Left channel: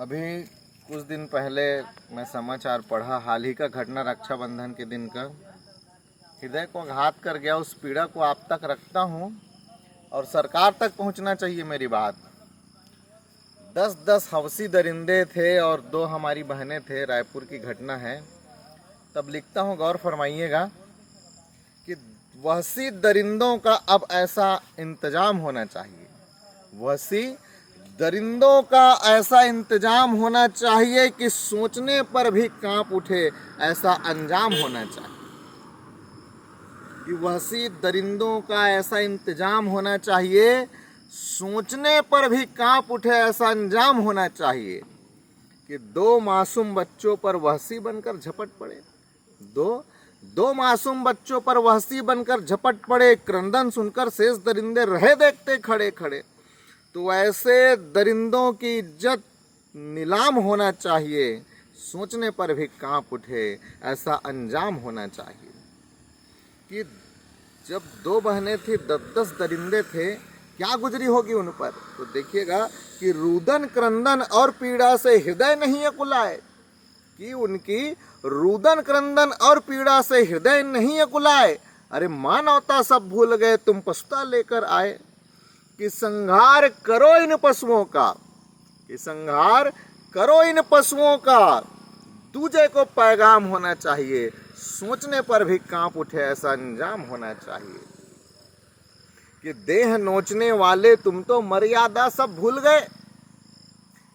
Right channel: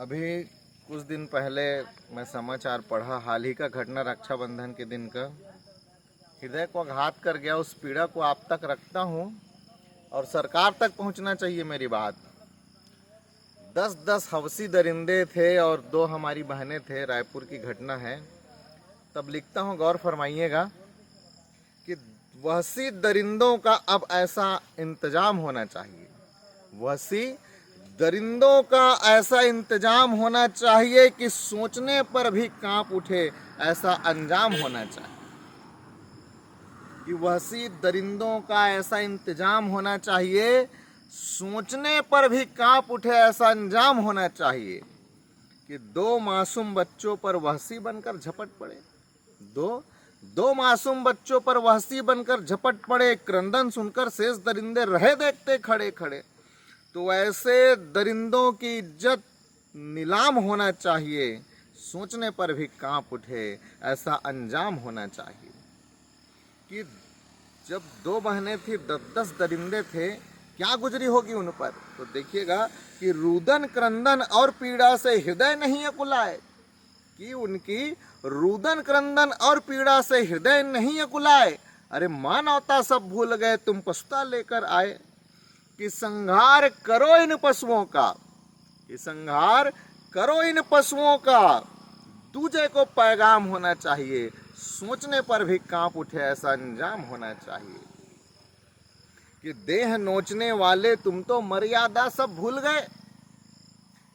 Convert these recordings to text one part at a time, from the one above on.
अभी कुछ दिन पहले मैं समाचार पढ़ा, हाल ही का घटना रक्षाबंधन के दिन का। हृदय को आघात कर गया। उस पीड़ा को आप तक रखता हूँ और सरकार तक पहुँचना चाहिए मेरी बात। 10-10 हवसी दरिंदे थे और 2 हमारी बहनें थे। रायपुर की घटना है। तब लिखता हूँ, गौर फरमाइएगा कि वहसी दरिंदों का अब ऐसा इंतजाम होना चाहिए। वहसी दरिंदों का ऐसा इंतजाम होना चाहिए कि सोचने पर भी कांप उठे, ऐसा अंजाम होना चाहिए। कि वहसी दरिंदों का ऐसा इंतजाम होना चाहिए, सोचने पर भी कांप उठे, ऐसा अंजाम होना चाहिए कि 2 मासूम बच्चों पर वहसी बनकर झपट पड़े। दो मासूम बच्चों पर वहसी बनकर झपट पड़े। क्रंदन सुनकर शेष दरिंदे रहे देखते खड़े खड़े। तो ऐसे दरिंदों की इज्जत नीलाम होना चाहिए, सोचने पर भी कांप उठे, ऐसा अंजाम होना चाहिए। कि जब 2 बहनें थी, 10-10 दरिंदे थे, क्या गुजरी होगी उन पर। तो देखिएगा कि रुदन क्रंदन और पीड़ा से हृदय नहीं अकुलाए। कि उनकी रुदन क्रंदन और पीड़ा से हृदय नहीं अकुलाए। अरे मानवता सब भूल गए, तुम पछता लेकर आए। कि संहार करो इन पशुओं का, कि संहार करो इन पशुओं का, दूजे को पैगाम होना चाहिए, सोचने पर भी कांप उठे, ऐसा अंजाम होना चाहिए। कि देह नोचने वाले तुम तो मर्यादा सब भूल गए।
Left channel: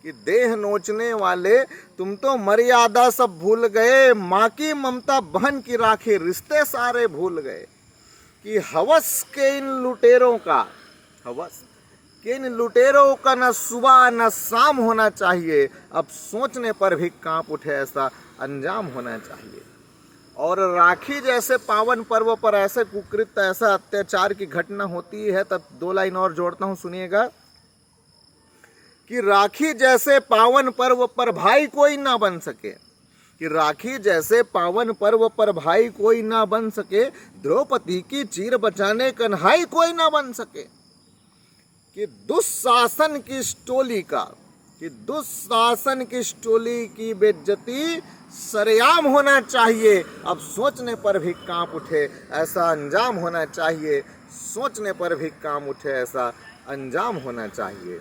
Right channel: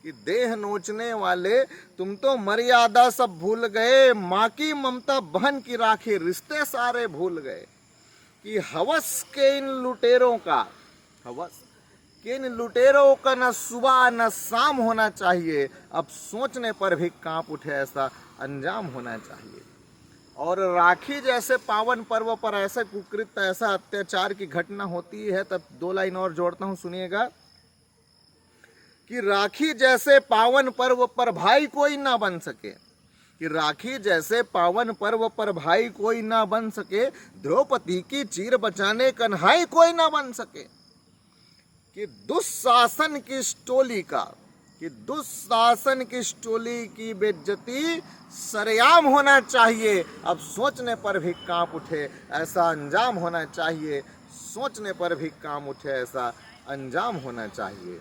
कि देह नोचने वाले तुम तो मर्यादा सब भूल गए, माँ की ममता बहन की राखी रिश्ते सारे भूल गए। कि हवस के इन लुटेरों का, हवस कि इन लुटेरों का न सुबह न शाम होना चाहिए, अब सोचने पर भी कांप उठे, ऐसा अंजाम होना चाहिए। और राखी जैसे पावन पर्व पर ऐसे कुकृत्य, ऐसा अत्याचार की घटना होती है, तब 2 लाइन और जोड़ता हूं, सुनिएगा। कि राखी जैसे पावन पर्व पर भाई कोई ना बन सके। कि राखी जैसे पावन पर्व पर भाई कोई ना बन सके, द्रौपदी की चीर बचाने कन्हाई कोई ना बन सके। कि दुशासन की टोली का, कि दुशासन की टोली की बेइज्जती सरेआम होना चाहिए, अब सोचने पर भी कांप उठे, ऐसा अंजाम होना चाहिए। सोचने पर भी कांप उठे, ऐसा अंजाम होना चाहिए।